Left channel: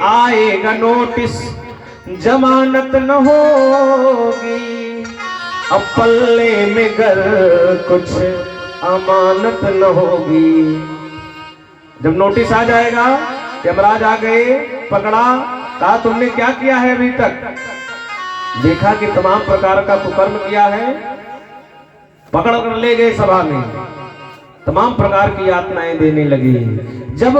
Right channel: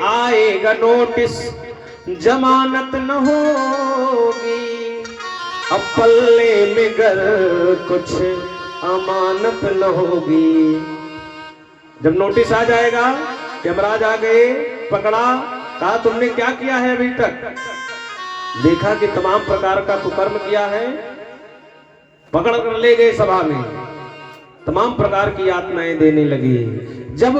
आएगा नोटिस जमानत न होगी, अब पल्ले में गर कुछ अमानत न होगी। जब नोटिस आ जाएगा, यमराज आ गए, पकड़ा, कहा तुमने क्या किया है अभी तक, देखा कि तमाम प्रकार का कुकर्म किया है, पकड़ कर ले गए सभा में, तमाम प्रकार की यातनाएं देने लगी। जब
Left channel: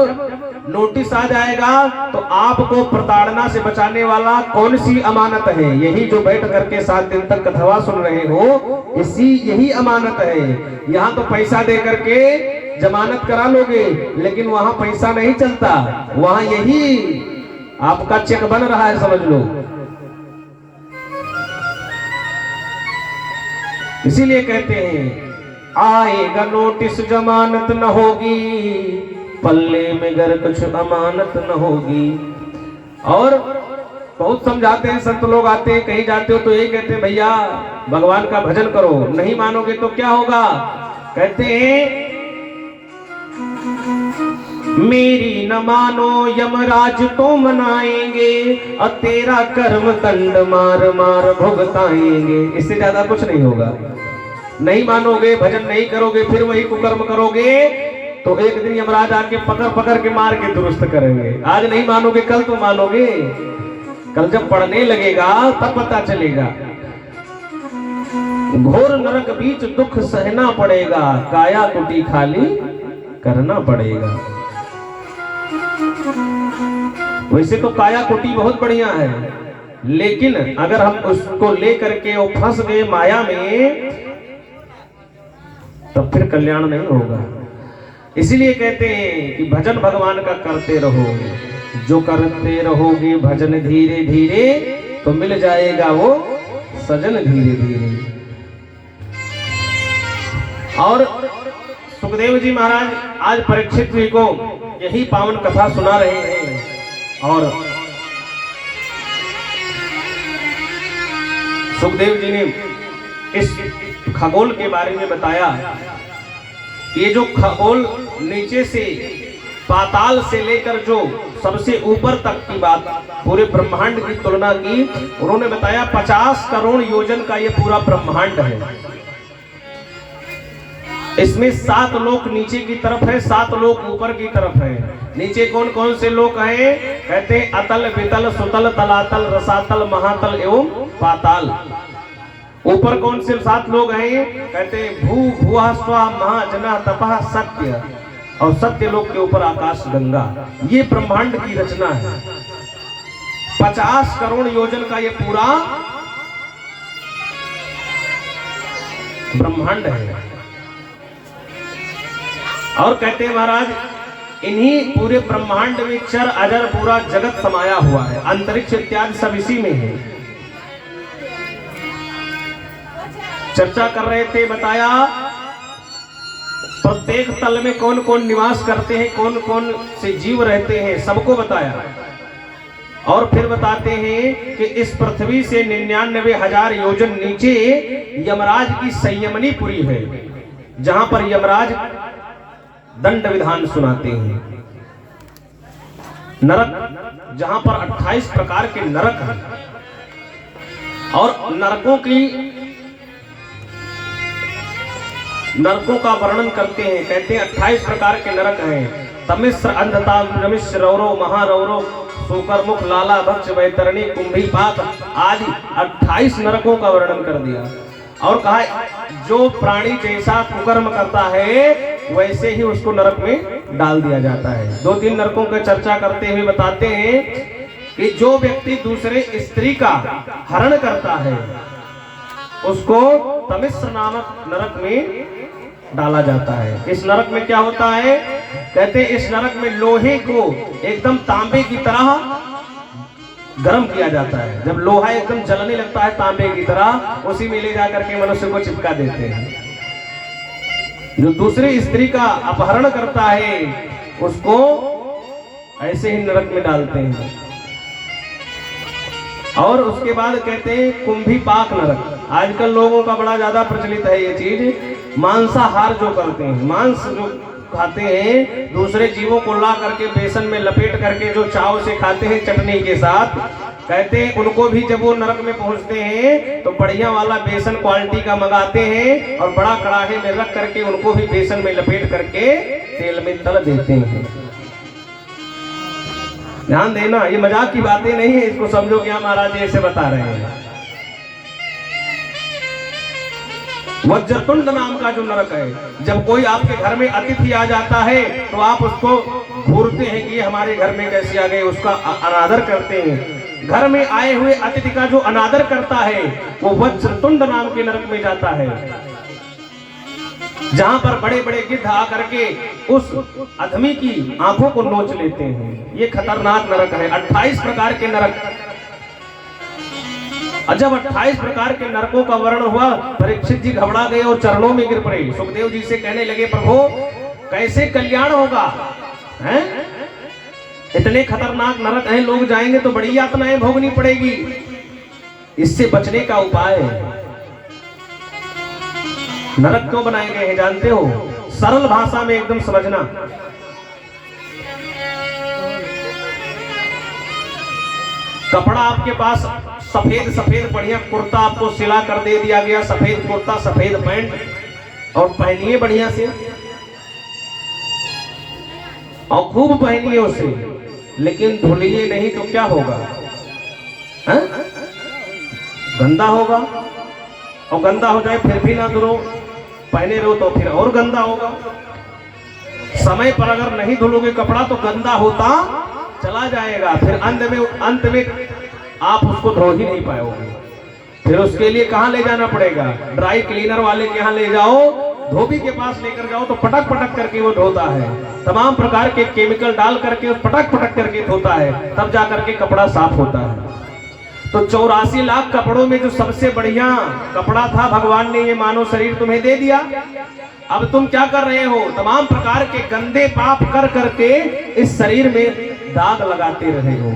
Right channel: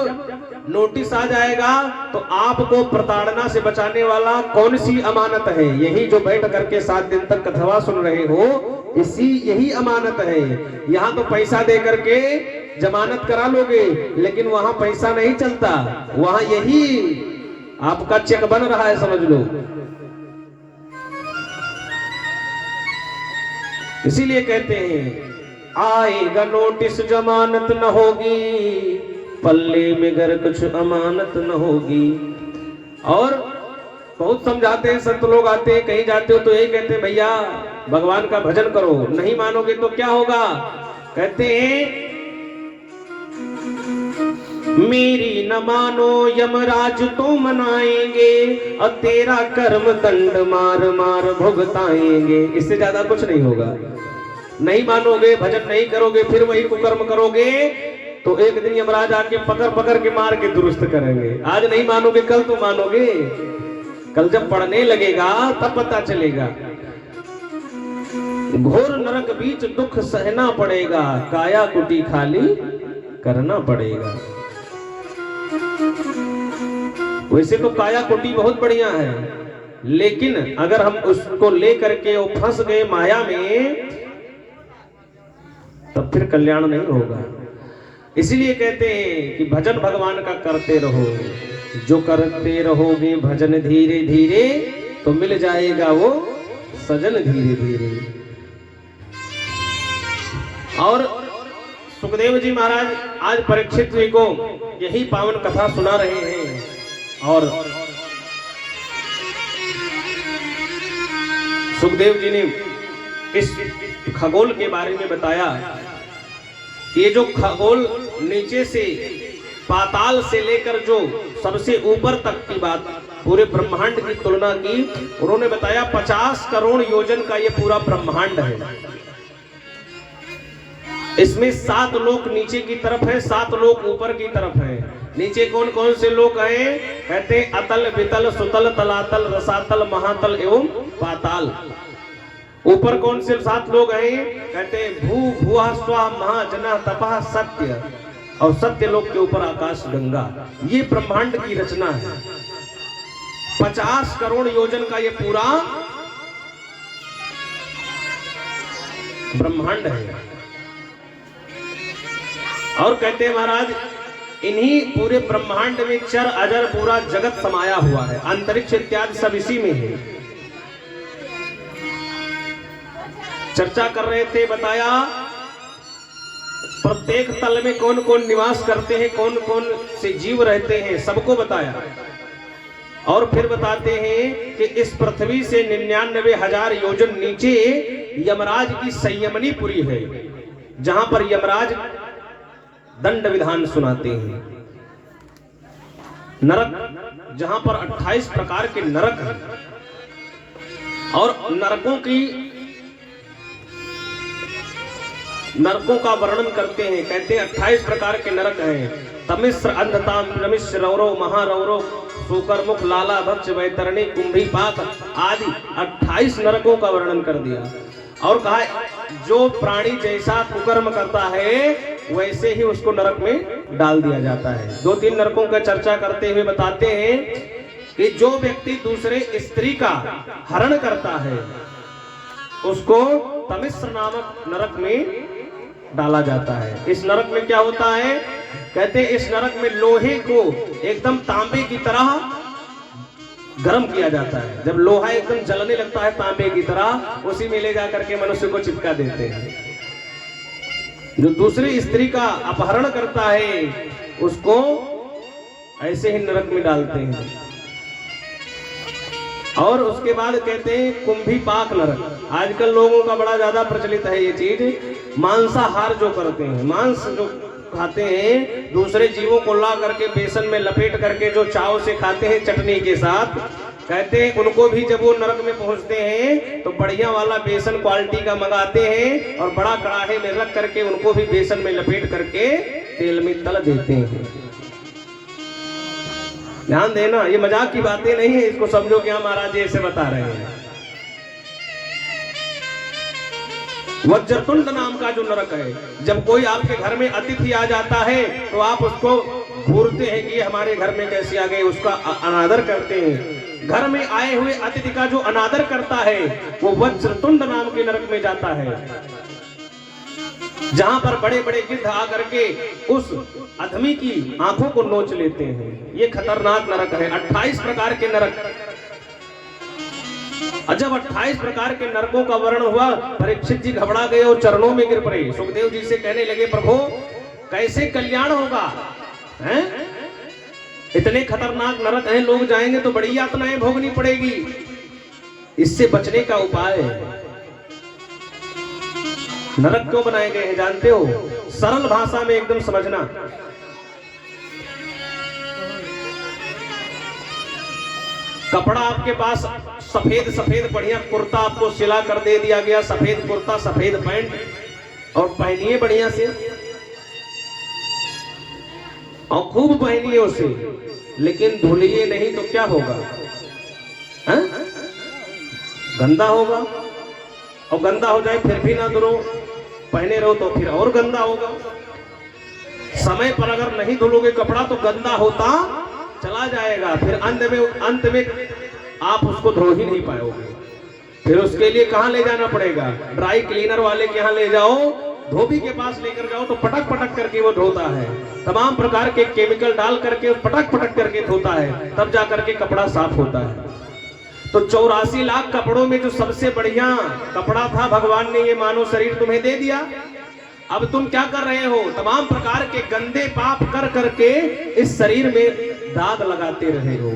नोटिस आ जाएगा तो आपको प्रताड़ना से बचाने वाला कौन सी अमानत है? यही जो बैठ करके 7 दिन तक कथवा सुन रहे हो, यही अमानत है। यहाँ तो पैसा दे करके जमानत करा लोगे, लेकिन वहां पैसा नहीं चलता, वहां यही आपका चेक बन रहा है, समझ लो। इसीलिए कहते हैं आएगा नोटिस जमानत न होगी, पल्ले में गर कुछ अमानत न होगी। और बहुत समझाते हैं, संत लोग आते हैं, कहीं जाते हो तो ये कहते हैं भैया भगवान का भजन करो, नहीं मानोगे तो क्या होगा? कहते हैं मेरी न मानो यमराज तो मनाएंगे, और तेरा कर्म दंड मार मार भुगताएंगे। इससे ज्यादा कुछ नहीं होगा। नहीं मानोगे, भजन नहीं करोगे, फिर वही कुकर्म करोगे, तो एक दिन यमराज आके पकड़ पकड़ के मार के दुरुस्त करेंगे। आज नहीं मानोगे, कल तो मानोगे। कल जब पढ़ने लगेगा तब पता चलेगा। घोर नरक बीच दुख सहना पड़ेगा, काया कुटी खाली करना पड़ेगा। वैसे तो काया कुटी बहुत बढ़िया है, लेकिन अगर हम उसको लेकर के वो फंस गए माया में, तब फिर कल्याण नहीं होगा। इसीलिए कहते हैं कि भजन भगवान का करते रहो, जो करते रहोगे भजन धीरे धीरे, तो मिल जाएगा वो सजन धीरे धीरे। और सुखदेव जी महाराज आज परीक्षित जी को यही पावन कथा सुना रहे हैं। और सुखदेव जी ने इस खगोल के बारे में बताया। ये जो खगोल नीचे से पाताल से लेकर जो सबसे ऊपर तक की बात, पूरे ब्रह्मांड की तुलना की, उन्होंने बताया 50 करोड़ योजन का ये पूरा ब्रह्मांड है। इसमें 7 लोक नीचे की तरफ है, 7 लोक ऊपर की तरफ है। नीचे कौन कौन से लोक हैं? कहते हैं अतल वितल सुतल तलातल रसातल महातल एवं पाताल। ऊपर कौन से 7 लोग हैं? कहते हैं भू भुआ स्वा महाजना तपः सत्य, और सत्य लोक के ऊपर आकाश गंगा। ये ब्रह्मांड की रचना है। 50 करोड़ योजन का ये पूरा ब्रह्मांड है। और कहते हैं महाराज इन्हीं पूरे ब्रह्मांड में चर अजर पूरा जगत समाया हुआ है, अंतरिक्ष इत्यादि सब इसी में है। चर्चा कर रहे थे, बताया प्रत्येक तल में कौन कौन निवास करते हैं, कौन कौन से जीव रहते हैं, सबको बताया। और फिर बताते हैं कि इस पृथ्वी से 99,000 योजन नीचे यमराज की संयमनीपुरी है, जहां पर यमराज दंड विधान सुनाते हैं। नरक, जहां पर 28 प्रकार के नरक हैं, और नरकों का वर्णन करते हैं। कहते हैं 28 प्रकार के नरक हैं। तमिश्र अंधता रमिश्र रौरो महारौरो सूकर मुख लाला भक्ष वैतरणी कुंभी पाक आदि 28 नरकों का वर्णन कर दिया। और कहा जो प्राणी जैसा कुकर्म करता है वैसे ही उसको नरक में डाल दिया जाता है। 2-3 नरकों की चर्चा करते हुए बताते हैं कि जो व्यक्ति दूसरे स्त्री का हरण करता है उसको तमिश्र नामक नरक में डाला जाता है। इस नरक में क्या होता है? कहते हैं इस नरक में लोहे को एकदम तांबे की तरह गर्म किया जाता है। जब लोहा एकदम जलने लगता है तांबे की तरह, उसी में ले जाकर के मनुष्य को चिपका देते हैं। जो दूसरी स्त्री का अपहरण करता है उसको ऐसे ही नरक में डालते हैं। और उसके बाद कहते हैं कुंभी पाक नरक। आजकल लोगों का बड़ा ज्यादा प्रचलित है ये चीज, मांसाहार जो करते हैं, मांस जो खाते हैं, दूसरे जीवों को ला करके बेसन में लपेट करके जो चाव से खाते हैं चटनी के साथ, कहते हैं उनको भी जब वो नरक में पहुंचते हैं तो बढ़िया वाला बेसन क्वालिटी का मंगाते हैं और बड़ा कड़ाहे में रख करके उनको भी बेसन में लपेट करके तेल में तल देते हैं। ध्यान देना, ये मजाक की बातें नहीं है, इसको समझो क्या महाराज जी ऐसे बता रहे हैं। वज्रतुंड नाम का जो नरक है, जब कोई आपके घर में अतिथि आ जाता है तो आप उसको घूरते हैं कि ये हमारे घर में कैसे आ गए, उसका अनादर करते हैं। घर में आए हुए अतिथि का जो अनादर करता है वो वज्रतुंड नाम के नरक में जाता है, जहां पर बड़े बड़े गिद्ध आकर के उस अधमी की आंखों को नोच लेते हैं। ये खतरनाक नरक है। 28 प्रकार के नरक। और जब 28 प्रकार के नरकों का वर्णन हुआ, परीक्षित जी घबरा गए और चरणों में गिर पड़े। सुखदेव जी से कहने लगे, प्रभु कैसे कल्याण होगा, हैं? इतने खतरनाक नरक हैं, लोग जाएंगे तो बड़ी यातनाएं भोगनी पड़ेगी। इससे बचने का उपाय है। नरक क्यों बनाए गए हैं जानते हो? सरल भाषा में एकदम समझना। कपड़ा आपके पास सफेद सफेद बढ़िया कुर्ता आपको सिला कर दे दिया गया, सफेद कुर्ता सफेद पैंट, और पहनिए बढ़िया से और खूब पहनिए उसे, लेकिन धुलिए नहीं तो क्या होगा, है? गंदा होगा। और गंदा हो जाए फिर भी ना धुलो, पहने रहो तो फिर और गंदा होगा। समय पर अगर नहीं धुलोगे कपड़ा तो गंदा होता चला जाएगा, फिर अंत में आप उसको धो ही नहीं पाओगे। फिर उसके लिए कहां ले जाना पड़ेगा? ड्राई क्लीनर वाले के यहाँ ले जाओ, धोबी के पास लेकर जाओ तो पटक पटक करके वो धोता है, तमाम प्रकार के केमिकल डाल करके पटक पटक करके धोता है, तब जा करके कपड़ा साफ होता है। तो 84 लाख कपड़ों में जो सबसे बढ़िया कपड़ा था, भगवान ने ये मानव शरीर तुम्हें दे दिया। अब तुम क्या कर रहे हो? तमाम प्रकार के गंदे पाप कर करके इस शरीर में दाग लगाते रहे हो,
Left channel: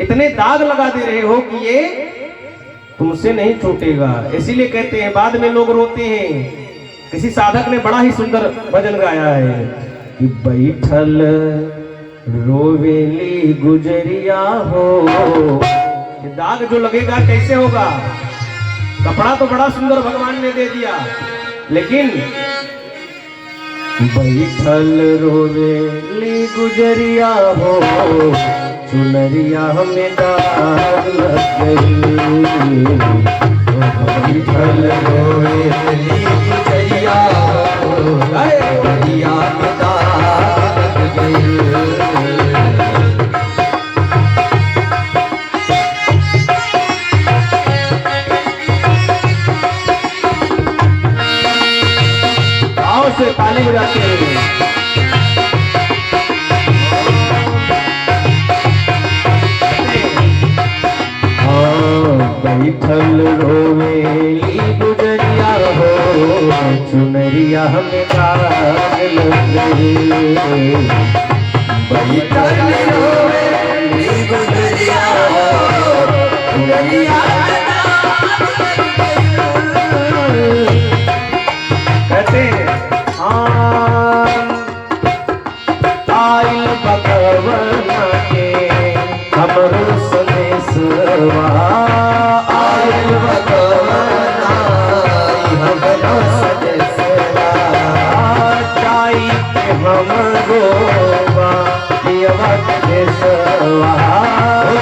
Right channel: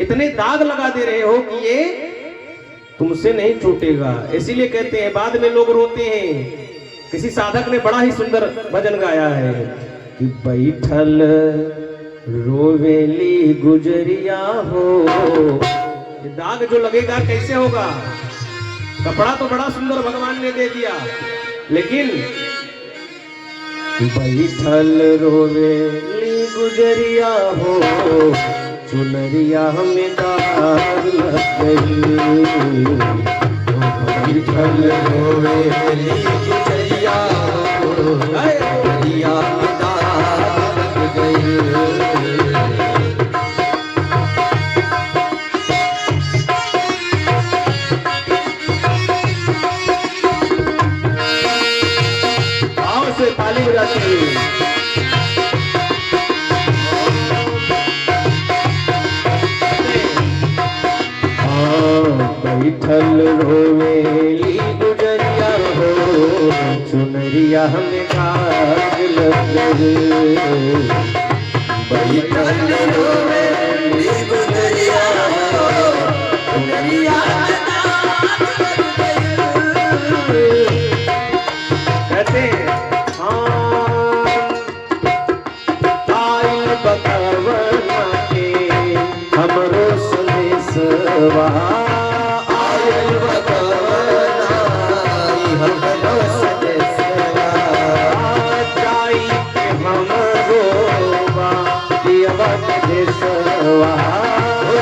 इतने दाग लगा दे रहे हो कि ये तुमसे नहीं छूटेगा। इसीलिए कहते हैं, बाद में लोग रोते हैं। किसी साधक ने बड़ा ही सुंदर भजन गाया है कि बैठल रोवेली गुजरिया हो। दाग जो लगेगा कैसे होगा? कपड़ा तो बड़ा सुंदर भगवान ने दे दिया, लेकिन बैठल रोवेली गुजरिया हो, चुनरिया में दाग लग गई। बैठल रोवेली गुजरिया हो, चुनरिया में दाग लग गई। ताली बजाते हैं। बैठल रोवेली गुजरिया हो, चुनरिया में दाग लग गई। बैठल रोवेली गुजरिया हो, चुनरिया में दाग लग गई। कहते हैं हमरो संदेशवा आयल बकवना, हमरो संदेशवा जाई के हमरो बाबा देशवा,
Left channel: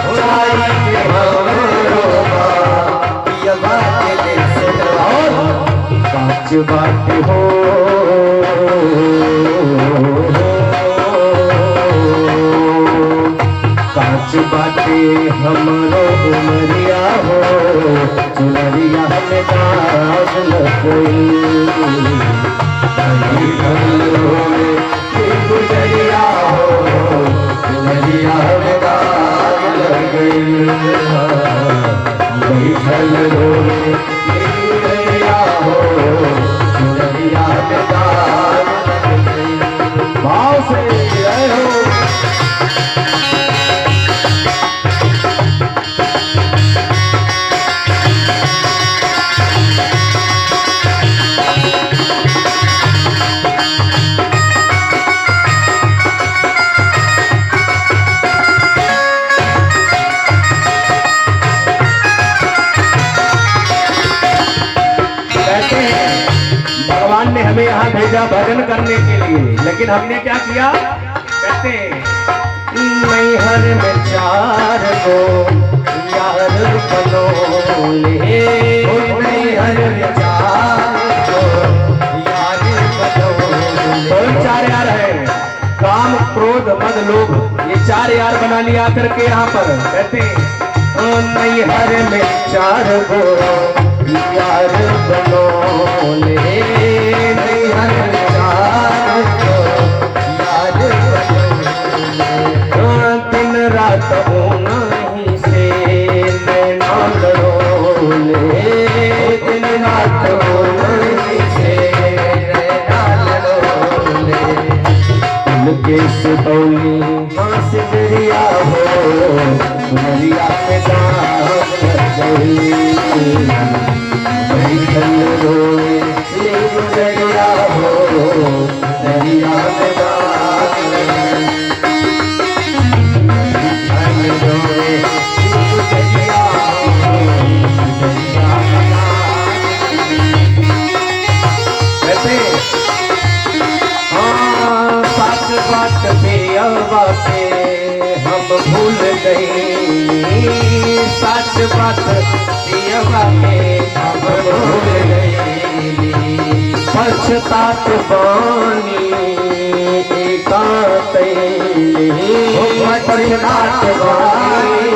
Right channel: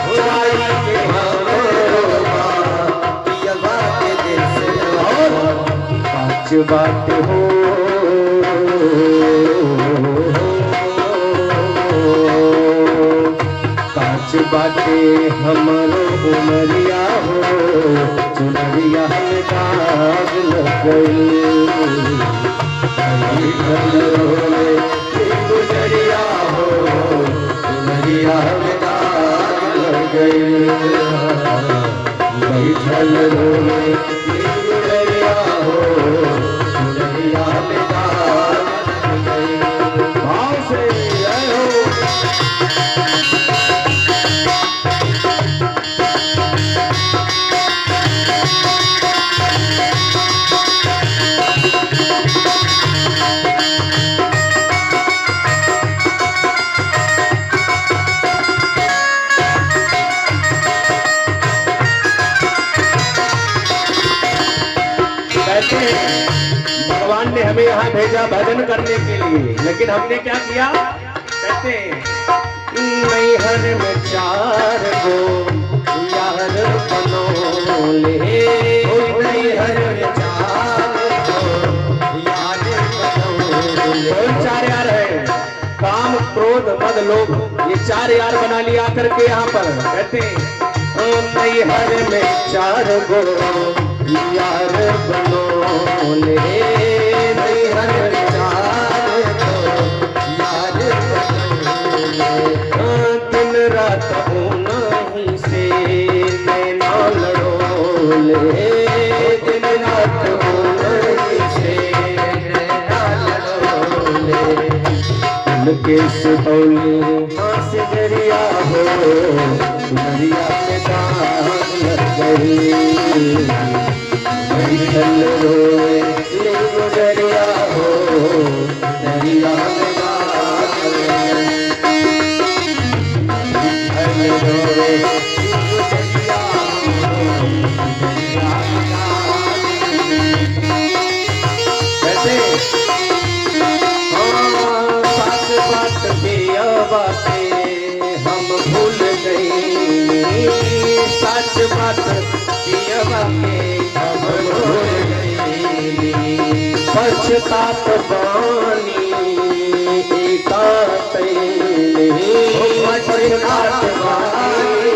जाई के हमरो बाबा देशवा। सच बात हो बाटे हमरो उमरिया हो, चुनरिया में दाग लग गई। गुजरिया हो, चुनरिया में दाग लग गई। बैठल रोले गुजरिया हो, चुनरिया में दाग लग गई। भाव से आए हो। कहते हैं भगवान ने हमें यहाँ भेजा भजन करने के लिए, लेकिन हमने क्या किया? कहते हैं मैहर में 4 गो यार बनोले, मैहर में 4 गो यार बनोले। 4 यार है, काम क्रोध मद लोभ, ये 4 यार बना लिया करके यहाँ पर। कहते हैं मैहर में 4 गो यार बनोले, मैहर में 4 गो यार बनोले। दिन रात नहीं से नैना लड़ोले, दिन रात नहीं से नैना लड़ोले। उनके सितौली हंस दरिया हो, दरिया पे दाग लग गई, बैठल रोए ले गुजरिया हो, दरिया पे दाग लग रोए गुजरिया हो, दरिया पे दाग। वैसे बात पे बाते हम भूल गए, सच बात पे बाते हम भूल गए। पछतात बानी एकांत पछतात बानी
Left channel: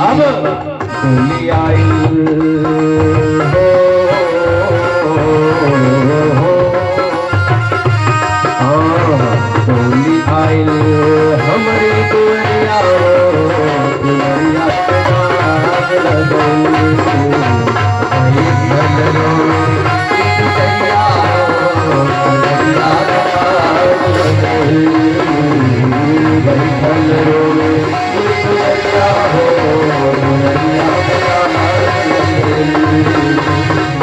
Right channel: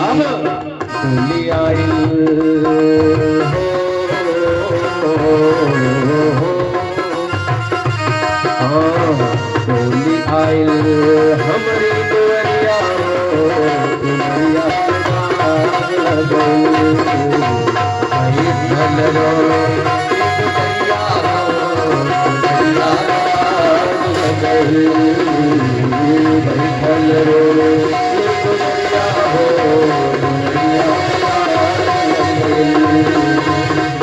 अब भूली आई होली आयल हमारी दुआरिया, दुआरिया पे दाग लगई, बैठल रोए गुजरिया हो, दुआरिया पे दाग लगई, बैठल रोए गुजरिया हो, दुआरिया पे दाग लगई,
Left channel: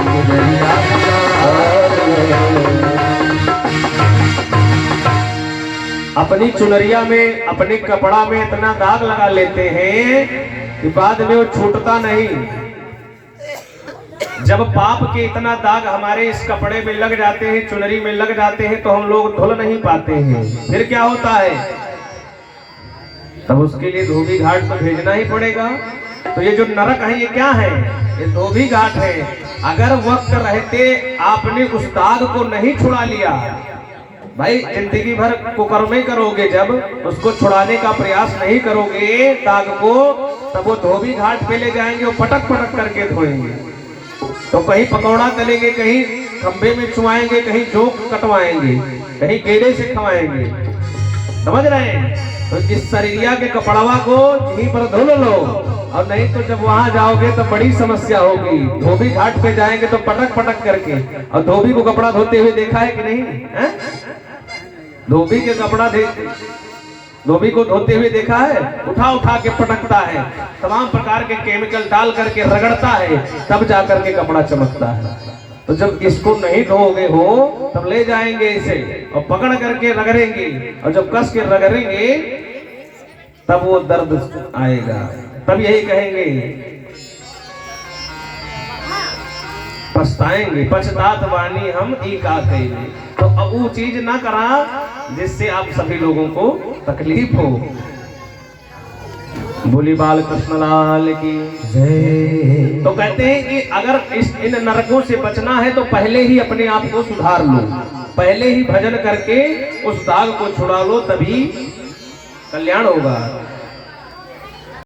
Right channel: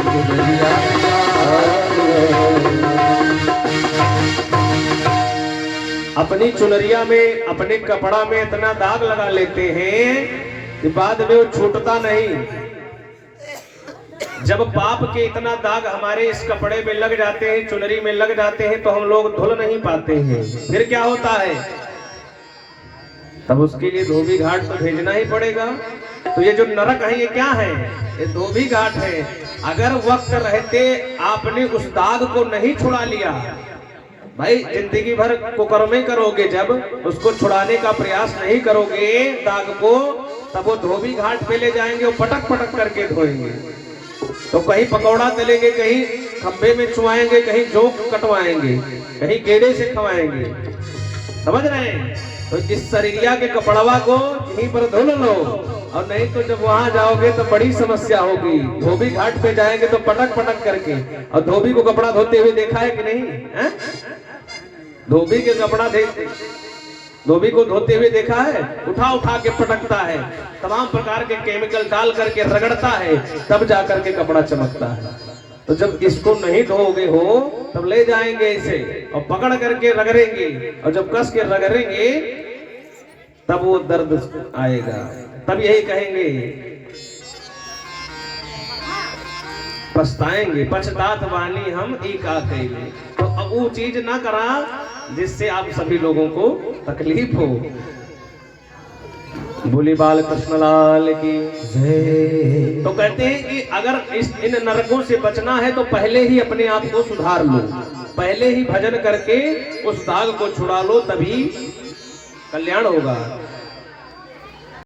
गुजरिया पे दाग लगई। अपनी चुनरिया में, अपने कपड़ा में इतना दाग लगा लेते हैं कि बाद में वो छूटता नहीं। जब पाप के इतना दाग हमारे इस कपड़े में लग जाते हैं, चुनरी में लग जाते हैं, तो हम लोग धुल नहीं पाते हैं। फिर क्या होता है? तब उसके लिए धोबी घाट तो भेजना ही पड़ेगा। तो ये जो नरक है ये क्या है? ये धोबी घाट है। अगर वक्त रहते आपने उस दाग को नहीं छुड़ा लिया, भाई जिंदगी भर कुकर्मे करोगे, जब उसको छुड़ाने का प्रयास नहीं करोगे दाग को, तब वो धोबी घाट पे ले जाएंगे, वो पटक पटक करके धोएंगे। तो कहीं पकौड़ा तलेंगे, कहीं खंबे में चुआएंगे, कहीं जोक कटवाएंगे, कहीं गेड़े से खवाएंगे। समझ रहे हैं? तो इस शरीरिया के कपड़वा को यहीं पर धुल लो, और नहीं तो जब वहां जाओगे तो बड़ी समस्या होगी। धोबी घाट पे जाएंगे तो पटक पटक करके। और धोबी को कपड़ा धोते हुए देखा है कि नहीं है? धोबी के कपड़ा धोबी को धोते हुए देखा है? उठा उठा के पटकता है, तमाम प्रकार के केमिकल डाल करके रगड़ता है, तब जाकर के कपड़ा चमकता है। तो जब इसको नहीं धोगे हो तब ले जाएंगे इसे और पकड़ करके रगड़ेंगे, और जब कस के रगड़ेंगे तब वो दर्द आएगा। तब यही कहेंगे, पछताएंगे, पछतात वानी हम ई का कइले। तो अब वो चीज ना करा जिससे आप सभी लोगों को तकलीफ हो। बोली बाल कृष्ण लाल की जय। तो कहते हैं कि अगर इन नरकों से बचना है तो पहले ही अपने आप को सुधार लो, पहले ही भजन करके उस दाग को छुड़ा लो, तभी कल्याण होगा।